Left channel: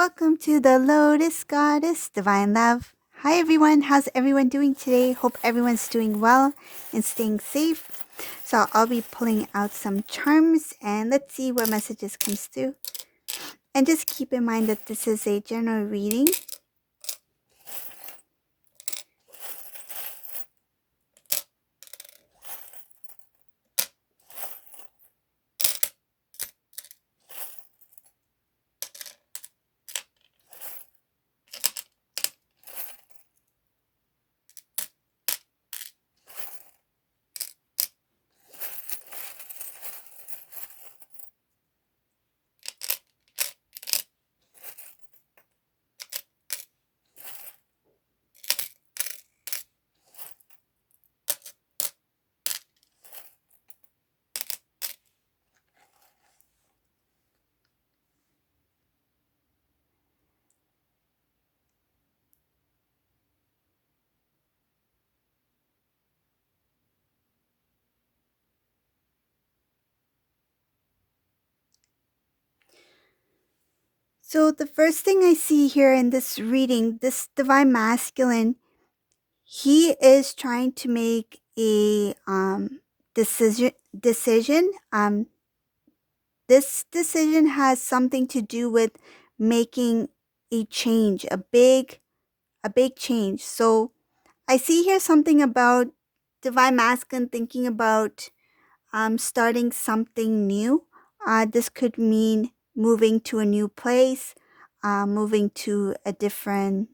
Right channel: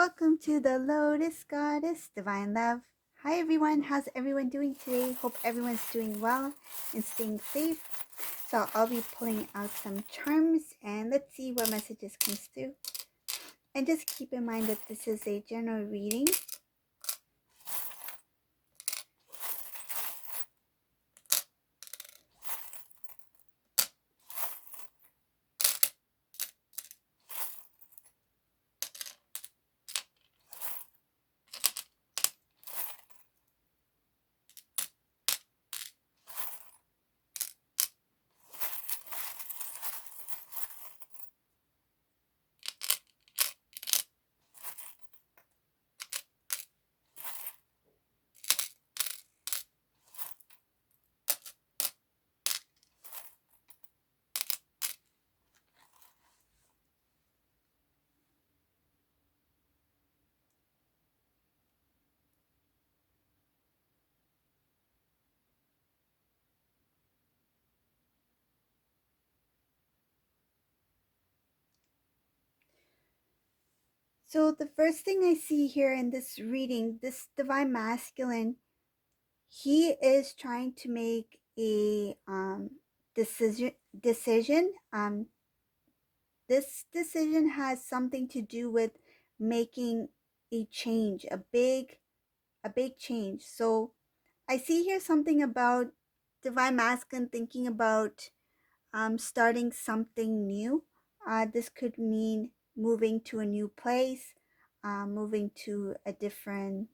Welcome to the Lotus Goddess Divine Love. Hi everyone, how's everyone doing today? Hope everyone's doing well and staying safe. So I'll be pulling out some charms and let's see what messages comes through. And just keep in mind that this is a general reading. So the first thing I see here in this reading, this Divine Masculine, he is trying to make a decision. This decision has something to do with making a change, a big change. So I see here something about Divine Masculine thinking about starting something new. This could mean moving to a new place, moving to a different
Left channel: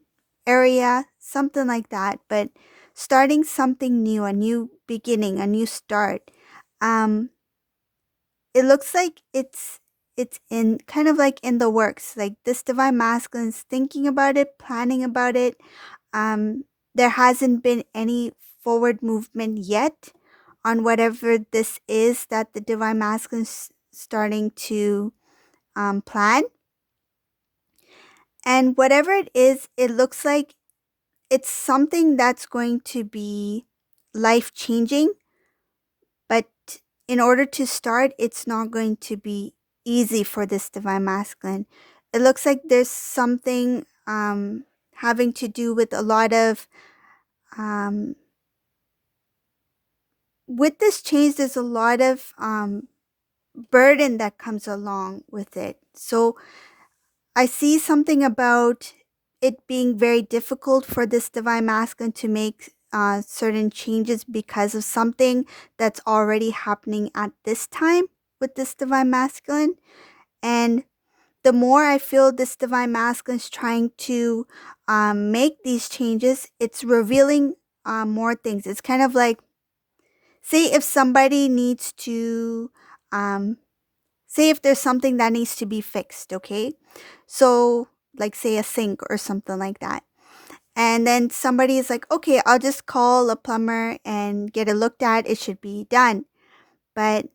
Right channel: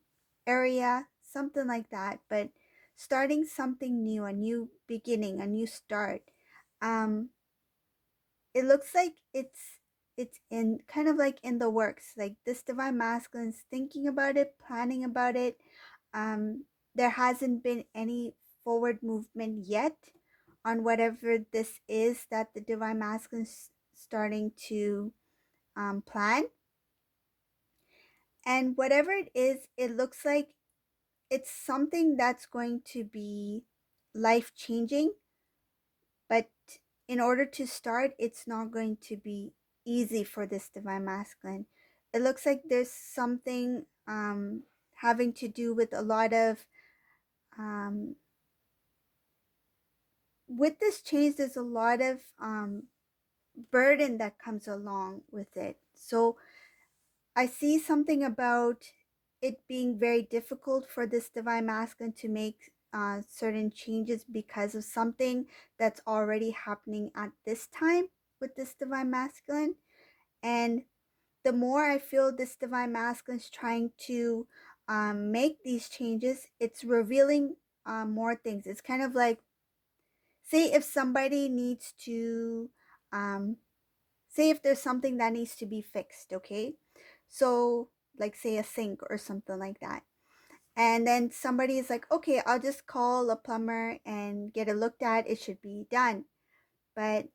area, something like that. But starting something new, a new beginning, a new start. Um, it looks like it's in kind of like in the works. Like this Divine Masculine is thinking about it, planning about it. Um, there hasn't been any forward movement yet on whatever this is that the Divine Masculine is starting to plan. And whatever it is, it looks like it's something that's going to be life changing. But in order to start, it's not going to be easy for this Divine Masculine. It looks like there's something having to do with a lot of um, with this change, there's a lot of burden that comes along with it. So I see something about it being very difficult for this Divine Masculine to make certain changes because of something that's already happening at this time with this Divine Masculine. And the more I feel this Divine Masculine is trying to make these changes, it's revealing more things. It's kind of like, say if somebody needs to, say if there's something that needs to be fixed, okay? So, like, say a sink or something like that. And then somebody is like, okay, I'll just call a plumber and get it looked at. It should be done. But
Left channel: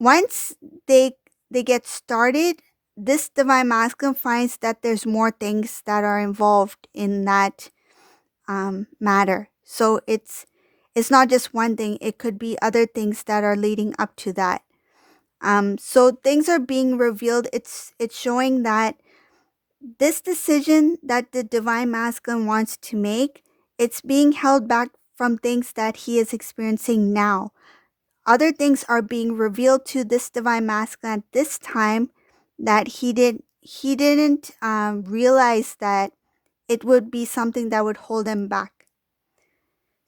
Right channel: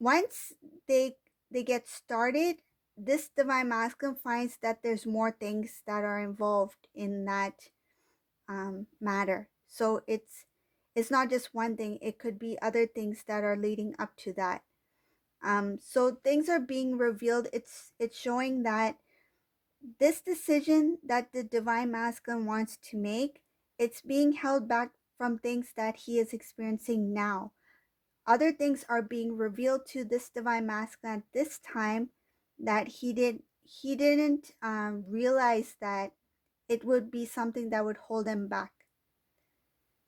once they get started, this Divine Masculine finds that there's more things that are involved in that matter. So it's not just one thing. It could be other things that are leading up to that. So things are being revealed. It's showing that this decision that the Divine Masculine wants to make, it's being held back from things that he is experiencing now. Other things are being revealed to this Divine Masculine at this time that he didn't realize that it would be something that would hold him back.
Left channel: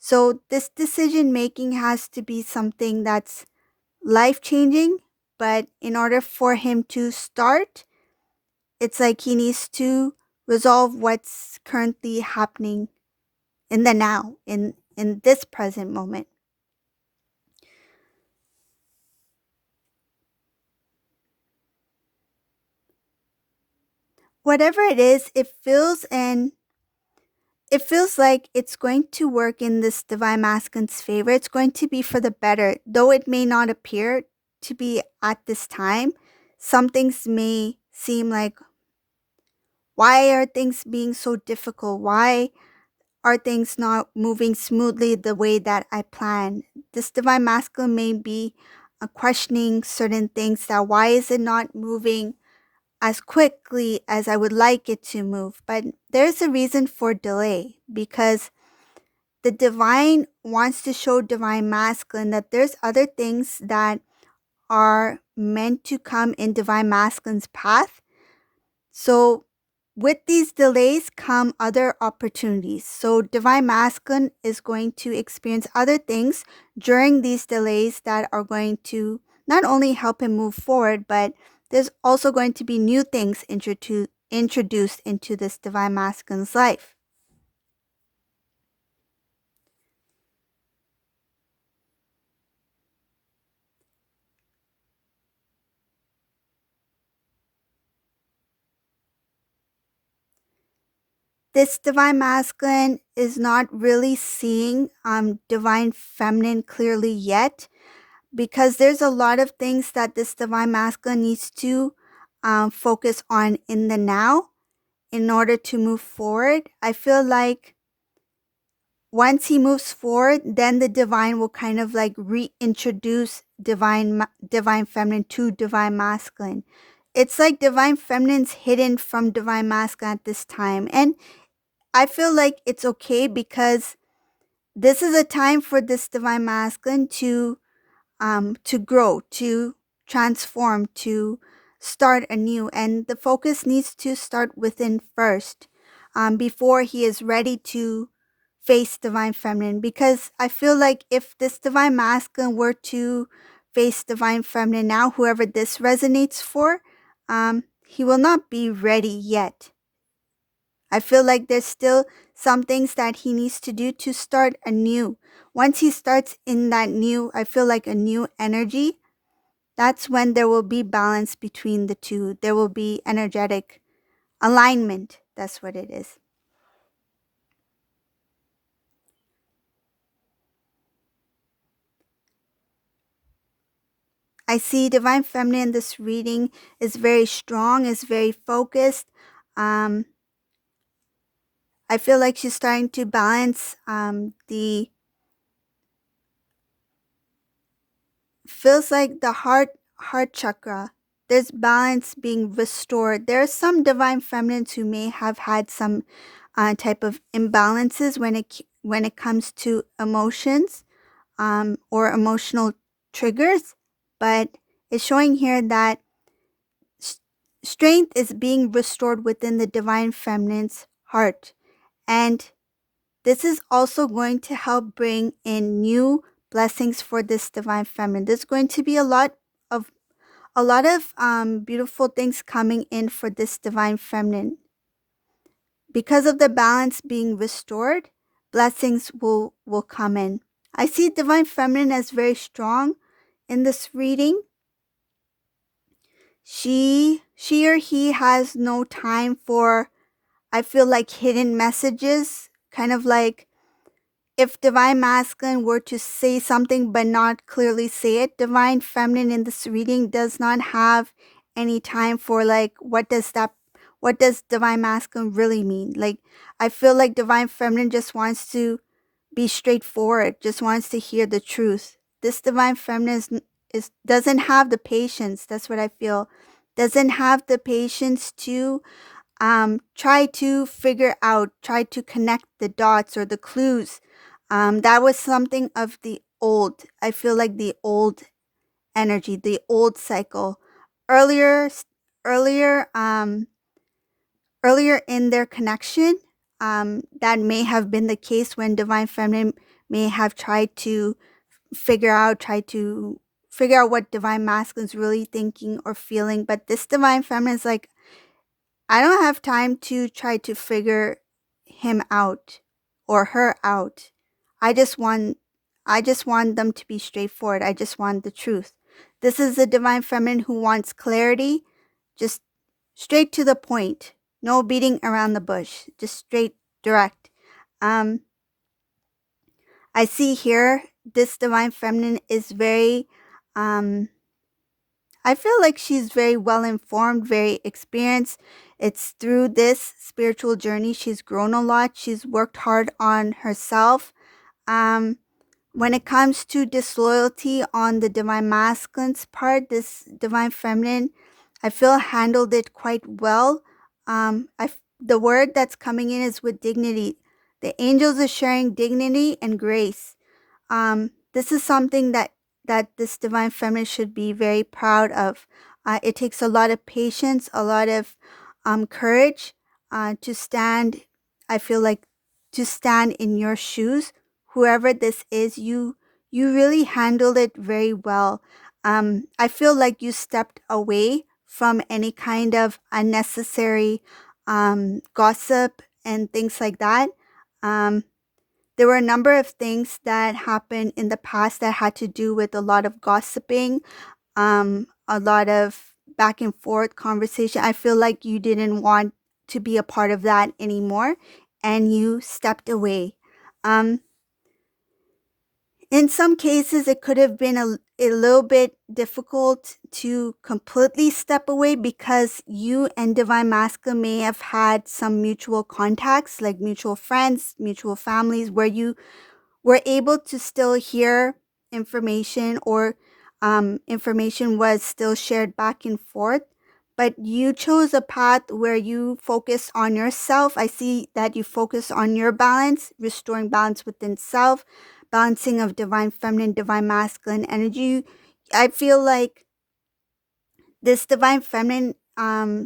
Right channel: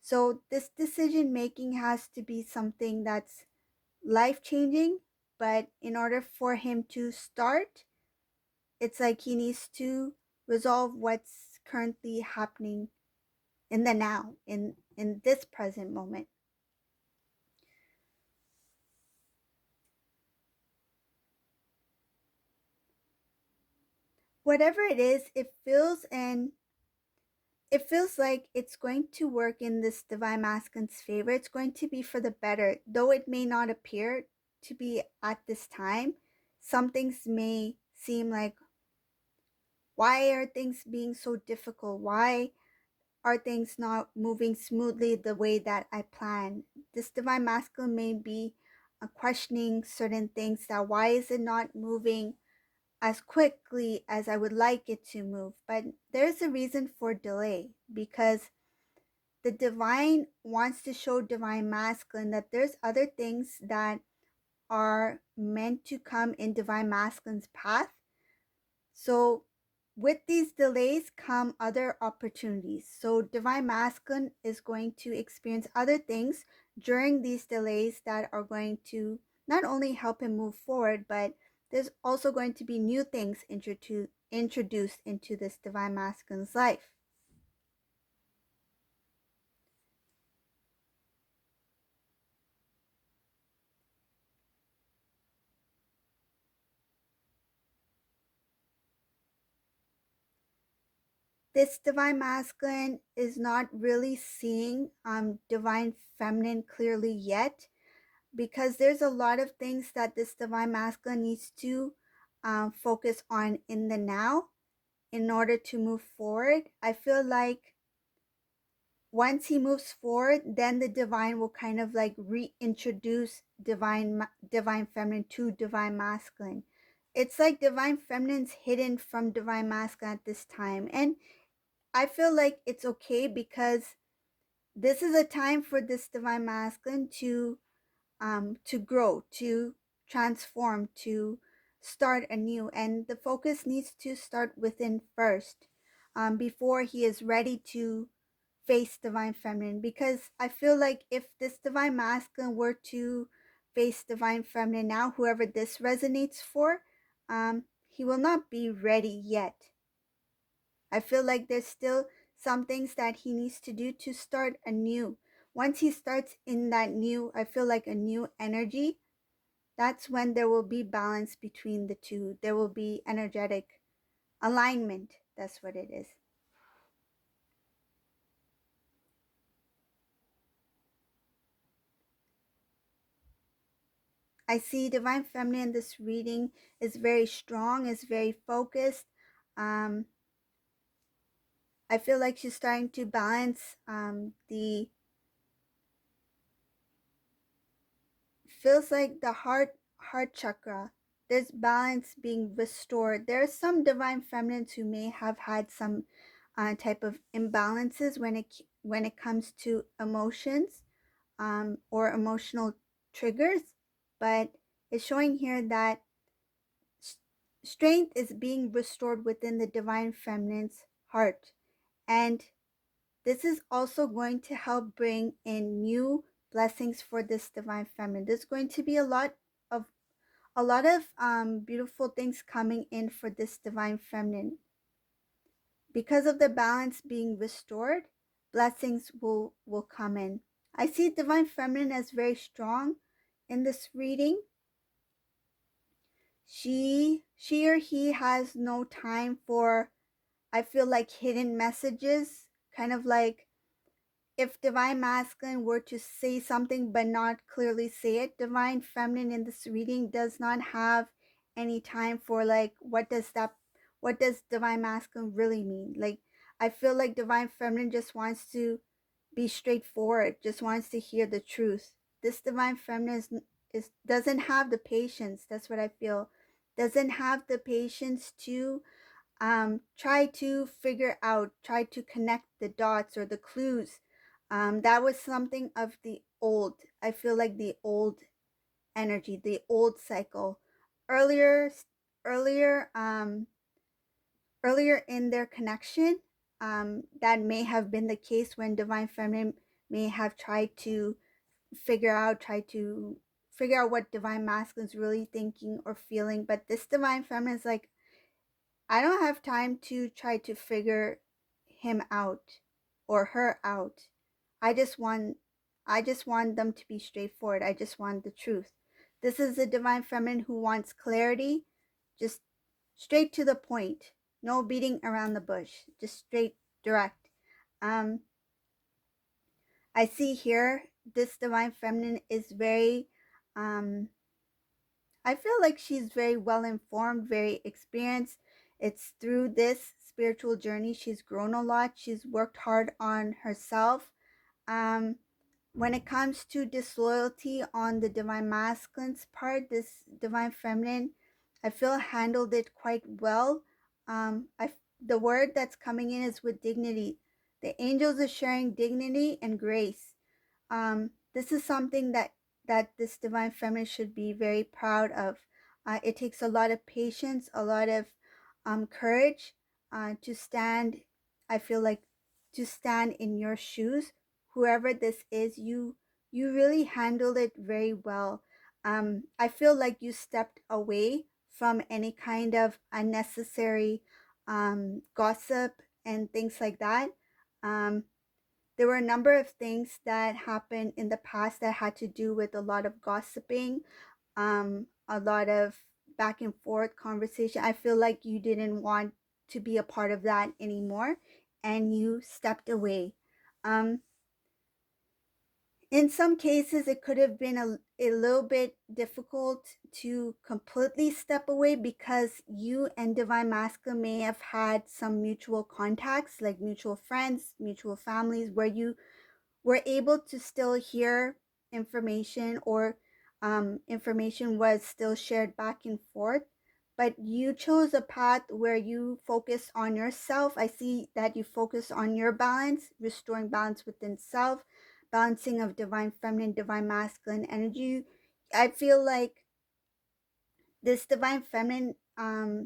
So this decision making has to be something that's life changing, but in order for him to start, it's like he needs to resolve what's currently happening in the now, in this present moment. Whatever it is, it feels like it's going to work in this Divine Masculine's favor. It's going to be for the better, though it may not appear to be at this time. Some things may seem like, why are things being so difficult? Why are things not moving smoothly the way that I planned? This Divine Masculine may be questioning certain things, that why is it not moving as quickly as I would like it to move. But there's a reason for delay, because the divine wants to show divine masculine that there's other things that are meant to come in divine masculine's path. So with these delays come other opportunities. So divine masculine is going to experience other things during these delays that are going to not only help him move forward, but there's also going to be new things introduced into this divine masculine's life. This divine masculine is not really seeing divine feminine clearly yet, because there's a lot of things that this divine masculine needs to focus on in the now in order to move forward. I feel like once he moves forward, then the divine will kind of like reintroduce divine feminine to divine masculine. It's like divine feminine's hidden from divine masculine at this time, and I feel like it's okay, because this is a time for this divine masculine to grow, to transform, to start anew. And the focus needs to start within first, before he is ready to face divine feminine. Because I feel like if this divine masculine were to face divine feminine now, whoever this resonates for, he will not be ready yet. I feel like there's still some things that he needs to do to start anew. Once he starts in that new, I feel like a new energy, that's when there will be balance between the two. There will be energetic alignment. That's what it is. I see divine feminine in this reading is very strong, is very focused. Um, I feel like she's starting to balance the feels like the heart chakra. There's balance being restored. There are some divine feminines who may have had some type of imbalances when it comes to emotions, or emotional triggers, but it's showing here that strength is being restored within the divine feminine's heart, and this is also going to help bring in new blessings for this divine feminine. There's going to be of a lot of beautiful things coming in for this divine feminine. Because of the balance being restored, blessings will come in. I see divine feminine as very strong in this reading. She or he has no time for, I feel like, hidden messages, kind of like if divine masculine were to say something but not clearly say it, divine feminine in this reading does not have any time for like what does divine masculine really mean? Like, I feel like divine feminine just wants to be straightforward, just wants to hear the truth. This divine feminine is doesn't have the patience. That's what I feel. Doesn't have the patience to try to figure out, try to connect the dots or the clues. That was something of the old. I feel like the old energy, the old cycle. Earlier, earlier, earlier in their connection, that may have been the case when divine feminine may have tried to try to figure out what divine masculine is really thinking or feeling. But this divine feminine is like, I don't have time to try to figure him out or her out. I just want I just want them to be straightforward. I just want the truth. This is the divine feminine who wants clarity, just straight to the point. No beating around the bush, just straight direct. Um I see here this divine feminine is very I feel like she's very well informed, very experienced. It's through this spiritual journey she's grown a lot. She's worked hard on herself. Um, when it comes to disloyalty on the divine masculine's part, this divine feminine, I feel handled it quite well. The word that's coming in is with dignity. The angels are sharing dignity and grace. This is something that this divine feminine should be very proud of. It takes a lot of patience, a lot of courage to stand. I feel like to stand in your shoes, whoever this is, you really handled it very well. I feel like you stepped away from any kind of unnecessary gossip and things like that. Um, there were a number of things that happened in the past that had to do with a lot of gossiping, a lot of back and forth conversation. I feel like you didn't want to be a part of that anymore and you stepped away. Um, in some cases, it could have been a little bit difficult to completely step away because you and Divine Masculine may have had some mutual contacts, like mutual friends, mutual families, where you were able to still hear information or information was still shared back and forth. But you chose a path where you focus on yourself. I see that you focus on your balance, restoring balance within self, balancing of divine feminine, divine masculine energy. I feel like this divine feminine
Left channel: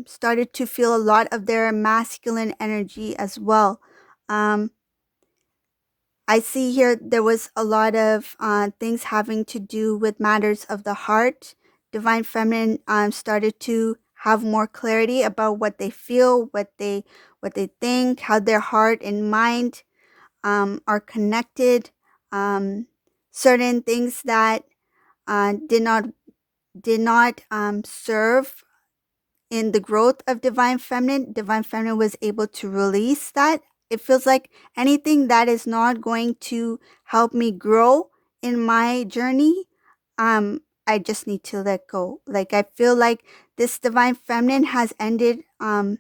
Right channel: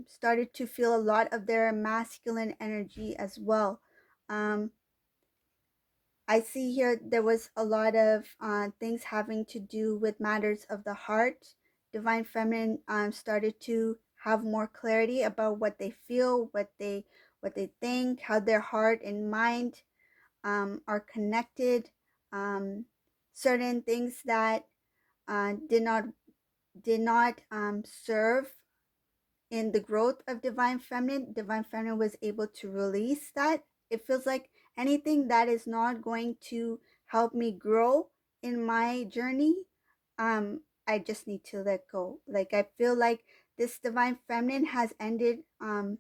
started to feel a lot of their masculine energy as well. Um, I see here there was a lot of things having to do with matters of the heart. Divine Feminine started to have more clarity about what they feel, what they think, how their heart and mind are connected. Um, certain things that did not serve in the growth of divine feminine was able to release that. It feels like anything that is not going to help me grow in my journey, I just need to let go. Like I feel like this divine feminine has ended I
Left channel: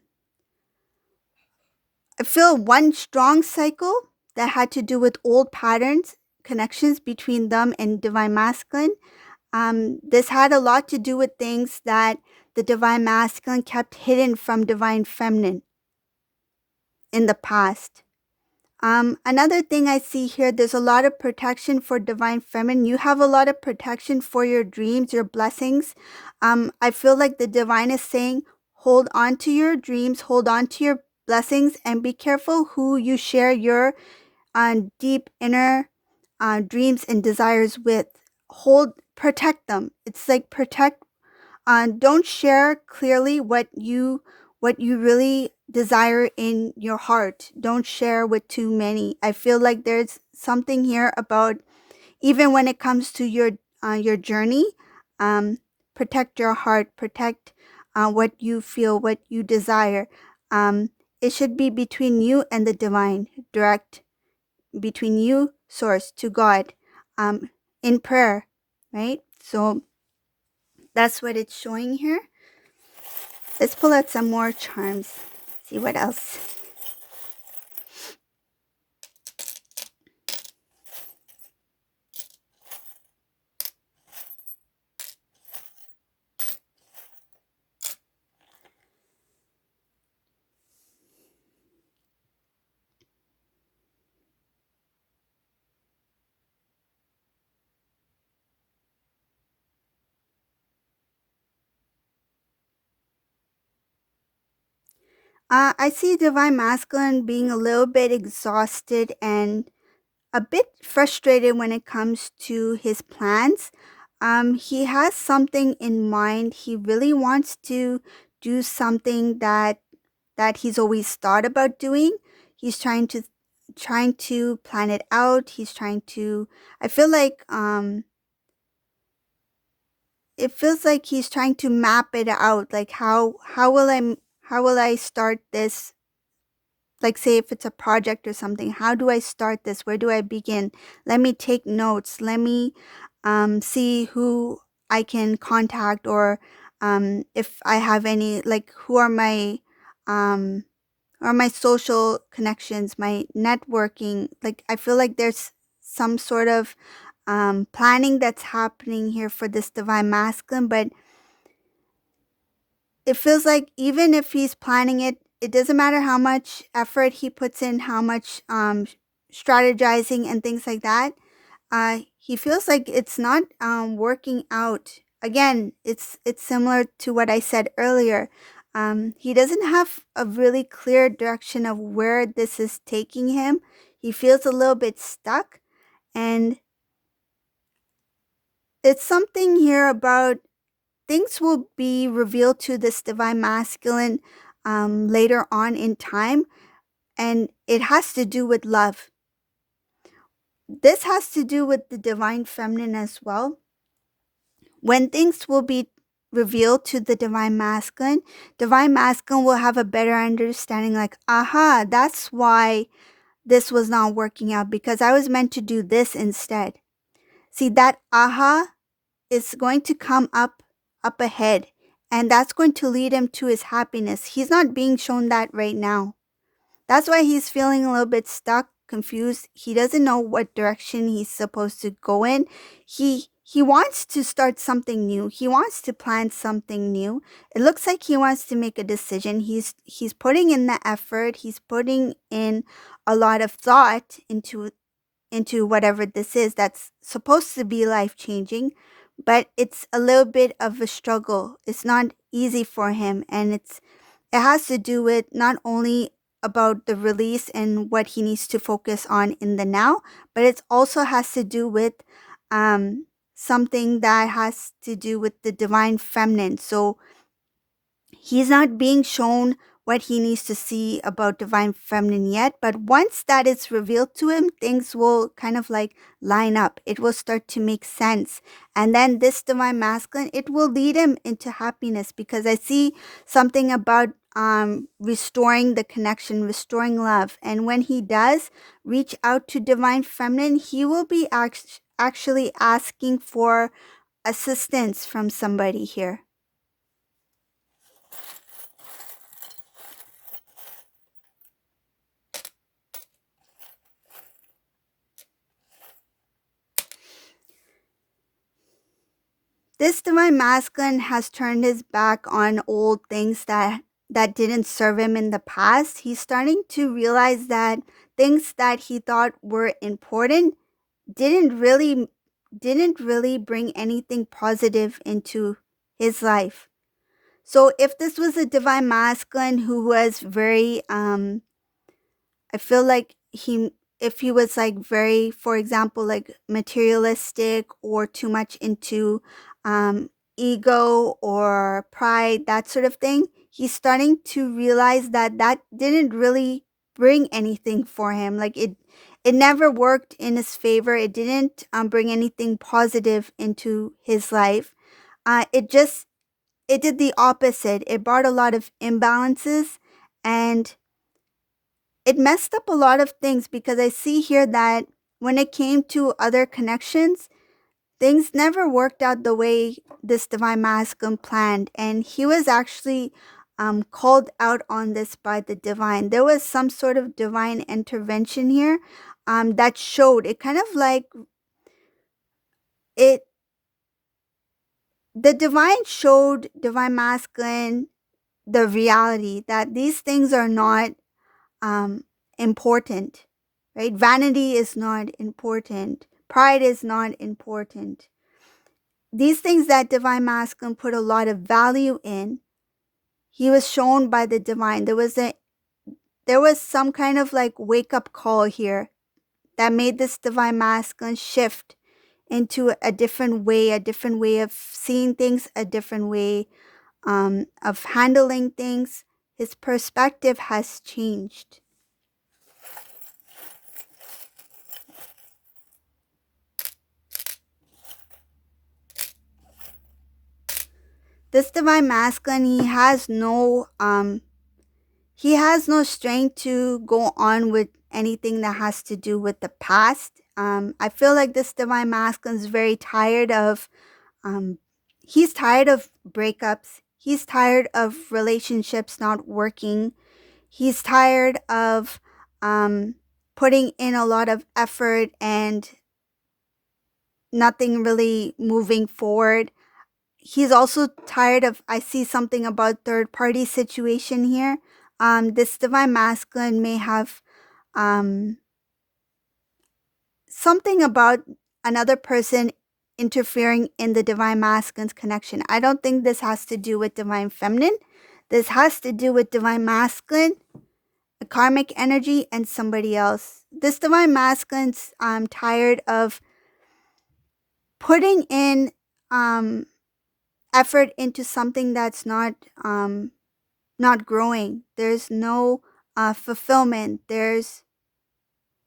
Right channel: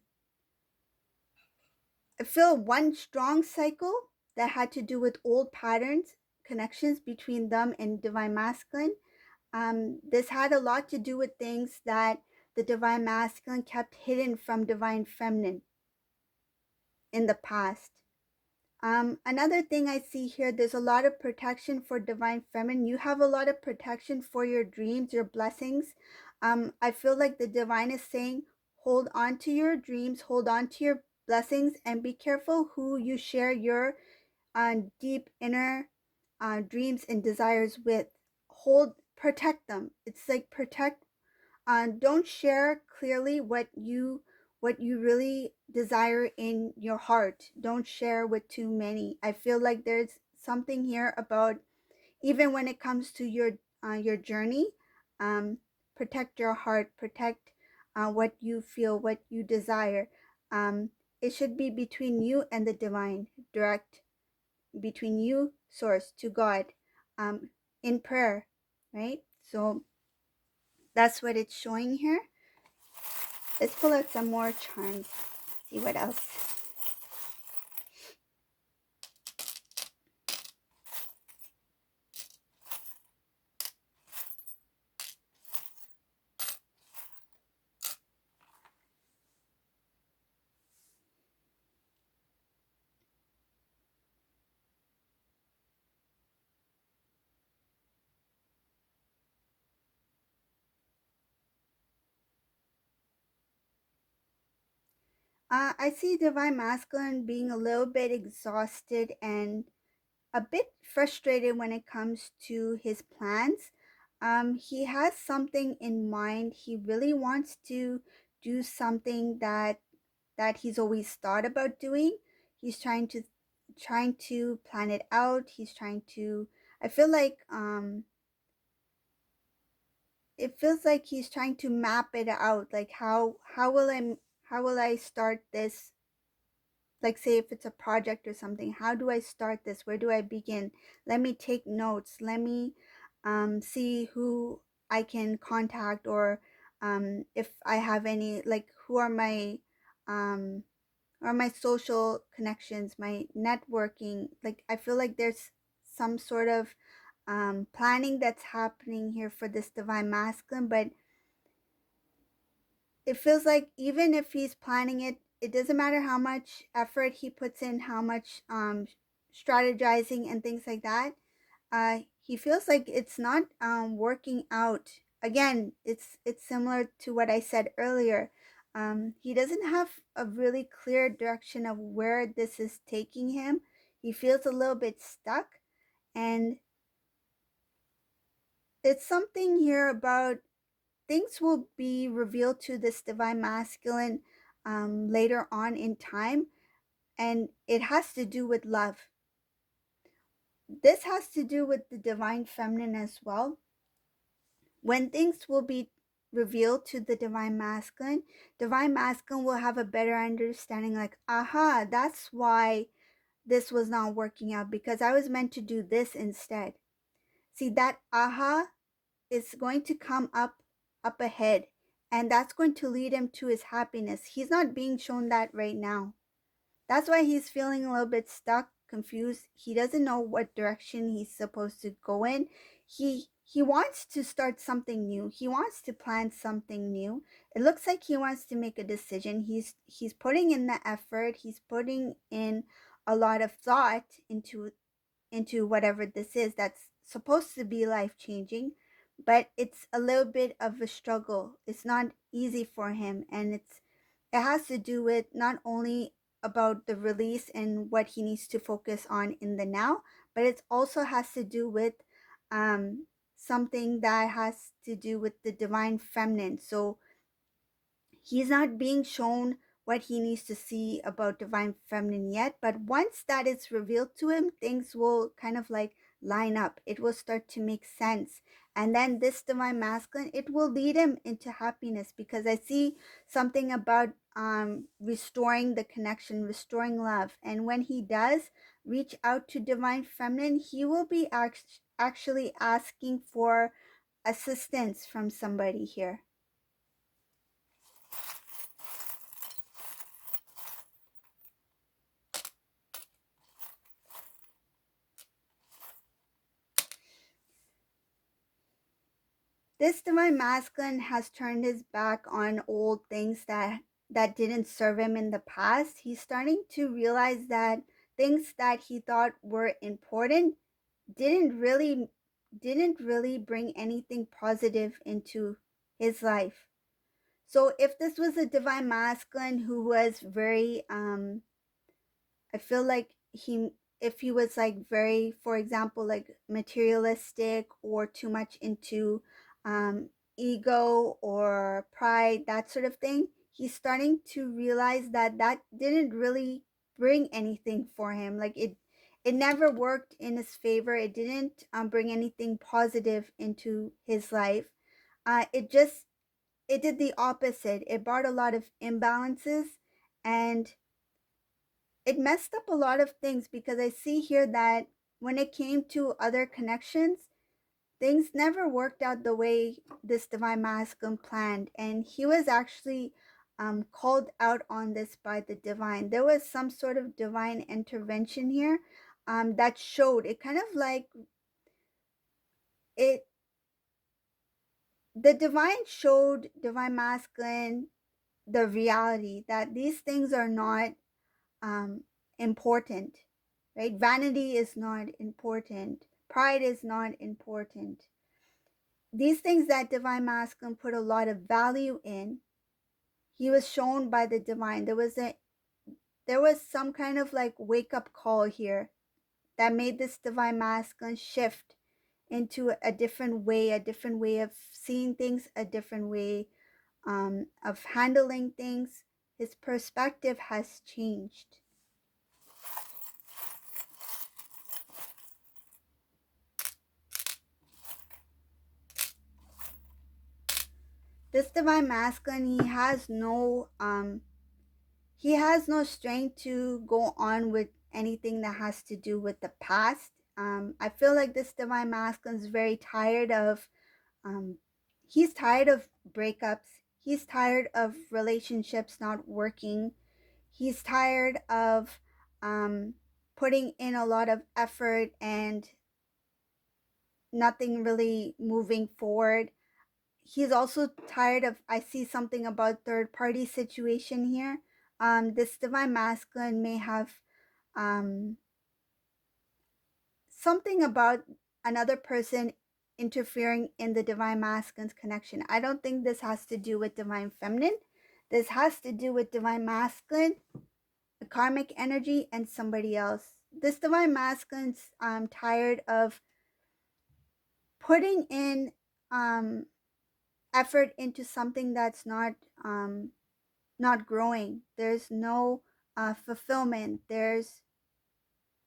feel one strong cycle that had to do with old patterns, connections between them and divine masculine. This had a lot to do with things that the divine masculine kept hidden from divine feminine in the past. Another thing I see here, there's a lot of protection for divine feminine. You have a lot of protection for your dreams, your blessings. I feel like the divine is saying, hold on to your dreams, hold on to your blessings, and be careful who you share your deep inner dreams and desires with. Protect them. It's like protect. Don't share clearly what you really desire in your heart. Don't share with too many. I feel like there's something here about even when it comes to your journey, um, protect your heart, protect what you feel, what you desire. Um, it should be between you and the divine, direct between you, source, to God, um, in prayer, right? So that's what it's showing here. Let's pull out some more charms. See what else. I see Divine Masculine being a little bit exhausted and a bit frustrated when it comes to his plans. He has something in mind. He really wants to do something that he's always thought about doing. He's trying to plan it out. He's trying to. I feel like it feels like he's trying to map it out. Like how will I start this, like say if it's a project or something, how do I start this, where do I begin, let me take notes, let me see who I can contact, or if I have any, like um who are my social connections, my networking. Like I feel like there's some sort of planning that's happening here for this divine masculine, but it feels like even if he's planning it, it doesn't matter how much effort he puts in, how much strategizing and things like that. He feels like it's not working out. Again, it's similar to what I said earlier. He doesn't have a really clear direction of where this is taking him. He feels a little bit stuck, and it's something here about things will be revealed to this divine masculine later on in time, and it has to do with love. This has to do with the divine feminine as well. When things will be revealed to the divine masculine will have a better understanding, like, aha, that's why this was not working out, because I was meant to do this instead. See, that aha is going to come up ahead, and that's going to lead him to his happiness. He's not being shown that right now. That's why he's feeling a little bit stuck, confused. He doesn't know what direction he's supposed to go in. He wants to start something new. He wants to plan something new. It looks like he wants to make a decision. He's putting in the effort. He's putting in a lot of thought into whatever this is that's supposed to be life changing, but it's a little bit of a struggle. It's not easy for him, and it has to do with not only about the release and what he needs to focus on in the now, but it also has to do with um, something that has to do with the divine feminine. So he's not being shown what he needs to see about divine feminine yet, but once that is revealed to him, things will kind of like line up. It will start to make sense. And then this divine masculine, it will lead him into happiness, because I see something about restoring the connection, restoring love. And when he does reach out to divine feminine, he will be actually asking for assistance from somebody here. This divine masculine has turned his back on old things that didn't serve him in the past. He's starting to realize that things that he thought were important didn't really didn't really bring anything positive into his life. So if this was a divine masculine who was very I feel like if he was like very, for example, like materialistic or too much into um, ego or pride, that sort of thing, he's starting to realize that that didn't really bring anything for him. Like it never worked in his favor. It didn't bring anything positive into his life. It did the opposite. It brought a lot of imbalances, and it messed up a lot of things, because I see here that when it came to other connections, things never worked out the way this divine masculine planned. And he was actually called out on this by the divine. There was some sort of divine intervention here that showed it, kind of like it, the divine showed divine masculine the reality that these things are not um, important, right? Vanity is not important. Pride is not important. These things that divine masculine put a lot of value in, he was shown by the divine. There was some kind of like wake up call here that made this divine masculine shift into a different way of seeing things, a different way of handling things. His perspective has changed. This divine masculine, he has no strength to go on with anything that has to do with the past. I feel like this divine masculine is very tired of um he's tired of breakups. He's tired of relationships not working. He's tired of um putting in a lot of effort and nothing really moving forward. he's also tired of, I see something about third party situation here. This divine masculine may have um, something about another person interfering in the divine masculine's connection. I don't think this has to do with divine feminine. This has to do with divine masculine, a karmic energy, and somebody else. This divine masculine's tired of putting in um, effort into something that's not growing. There's no fulfillment.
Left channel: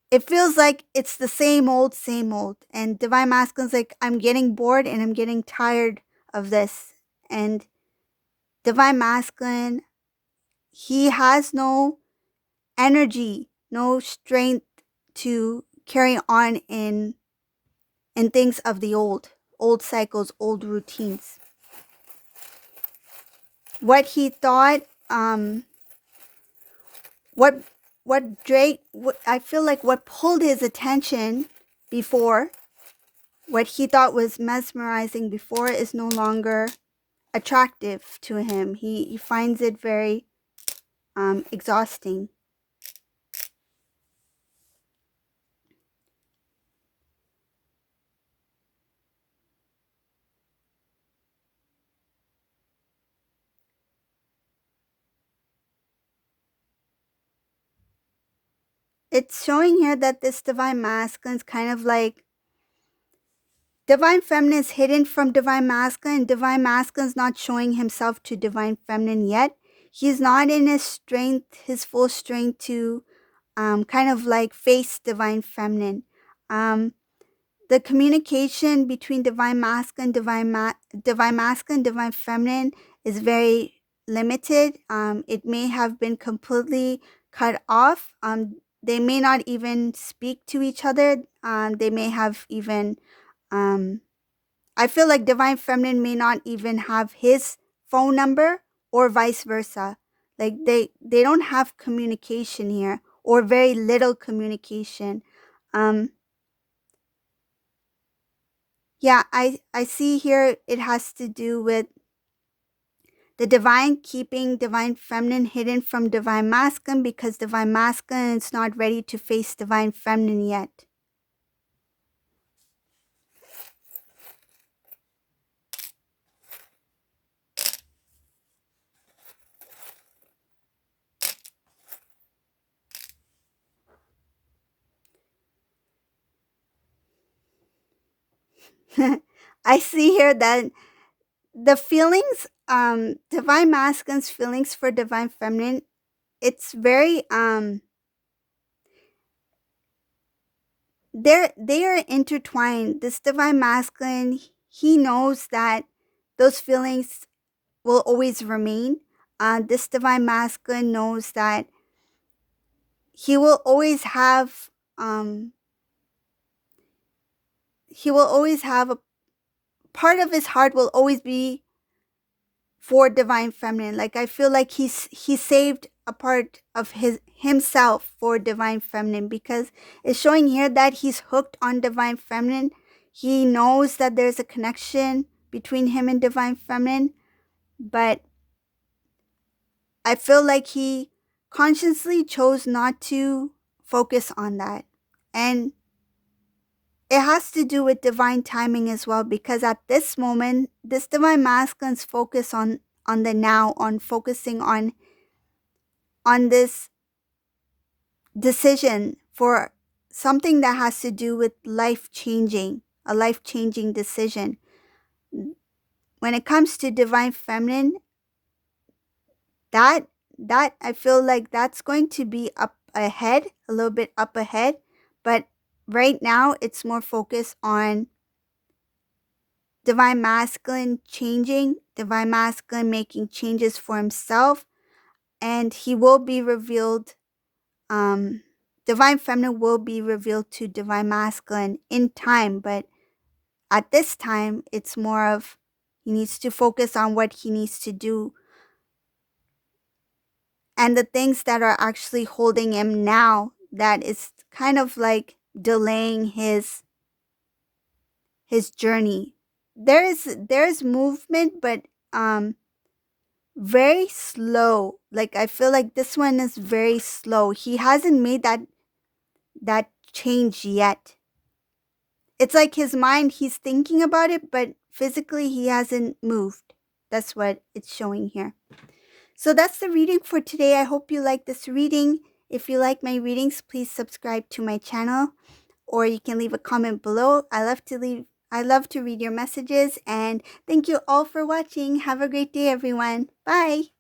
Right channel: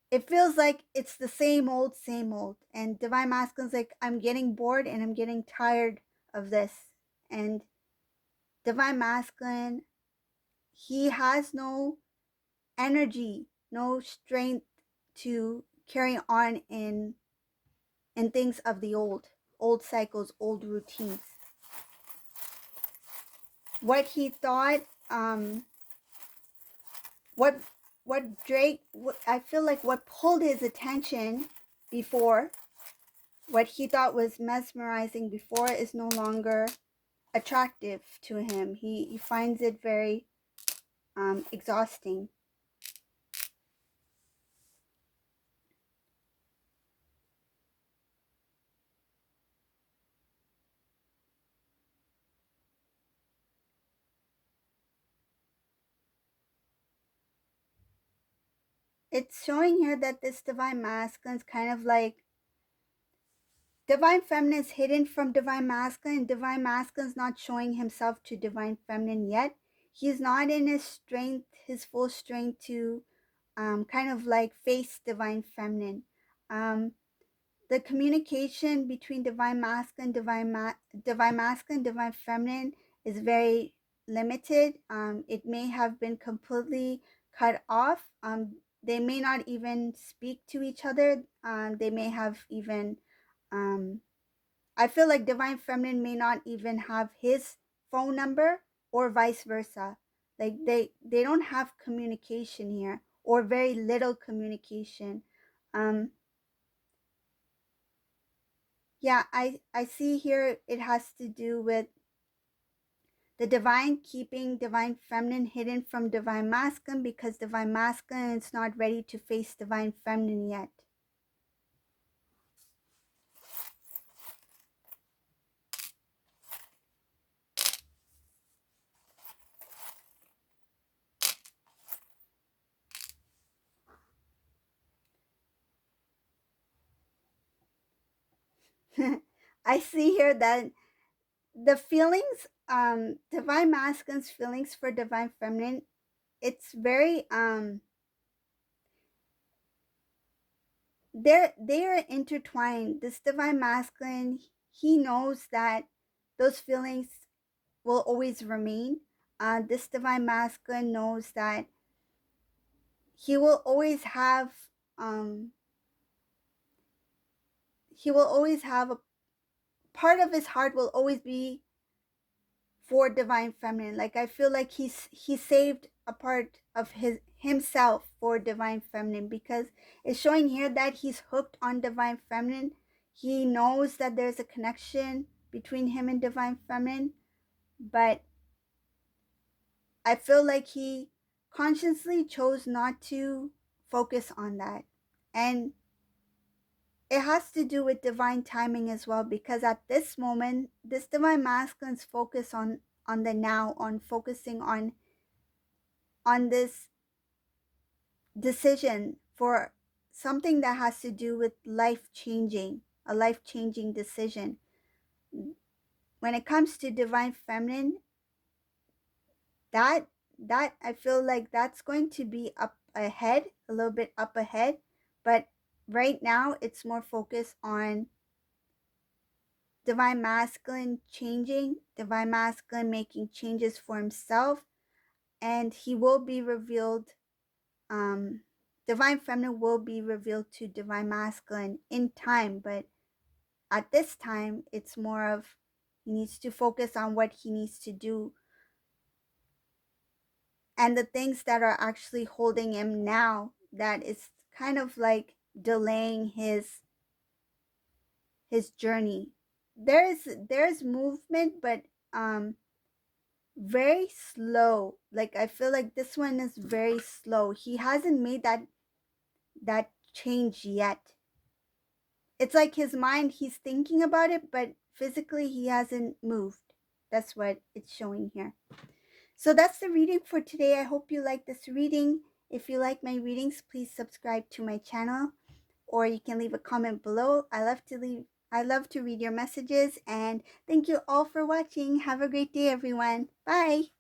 It feels like it's the same old, same old. And divine masculine's like, I'm getting bored and I'm getting tired of this. And divine masculine, he has no energy, no strength to carry on in things of the old cycles, old routines. What he thought, what I feel like what pulled his attention before, what he thought was mesmerizing before, is no longer attractive to him. He finds it very exhausting. It's showing here that this divine masculine is kind of like divine feminine is hidden from divine masculine. Divine masculine is not showing himself to divine feminine yet. He's not in his strength, his full strength to kind of like face divine feminine. The communication between divine masculine, divine masculine, divine feminine is very limited. It may have been completely cut off. They may not even speak to each other. They may have even I feel like divine feminine may not even have his phone number or vice versa. Like they don't have communication here, or very little communication. Um yeah, I see here it has to do with the divine keeping divine feminine hidden from divine masculine, because divine masculine is not ready to face divine feminine yet. I see here that the feelings, divine masculine's feelings for divine feminine, it's very they are intertwined. This divine masculine, he knows that those feelings will always remain. This divine masculine knows that he will always have um a part of his heart will always be for divine feminine. Like I feel like he saved a part of himself for divine feminine, because it's showing here that he's hooked on divine feminine. He knows that there's a connection between him and divine feminine, but I feel like he consciously chose not to focus on that. And it has to do with divine timing as well, because at this moment, this divine masculine's focus on the now, on focusing on this decision for something that has to do with life changing, a life changing decision. When it comes to divine feminine, that I feel like that's going to be up ahead, a little bit up ahead, but right now it's more focused on divine masculine changing, divine masculine making changes for himself, and he will be revealed. Divine feminine will be revealed to divine masculine in time, but at this time, it's more of he needs to focus on what he needs to do and the things that are actually holding him now, that is kind of like delaying his journey. there's movement, but um very slow. Like I feel like this one is very slow. He hasn't made that change yet. It's like his mind, he's thinking about it, but physically he hasn't moved. That's what it's showing here. So that's the reading for today. I hope you like this reading. If you like my readings, please subscribe to my channel, or you can leave a comment below. I love to read your messages, and thank you all for watching. Have a great day, everyone. Bye.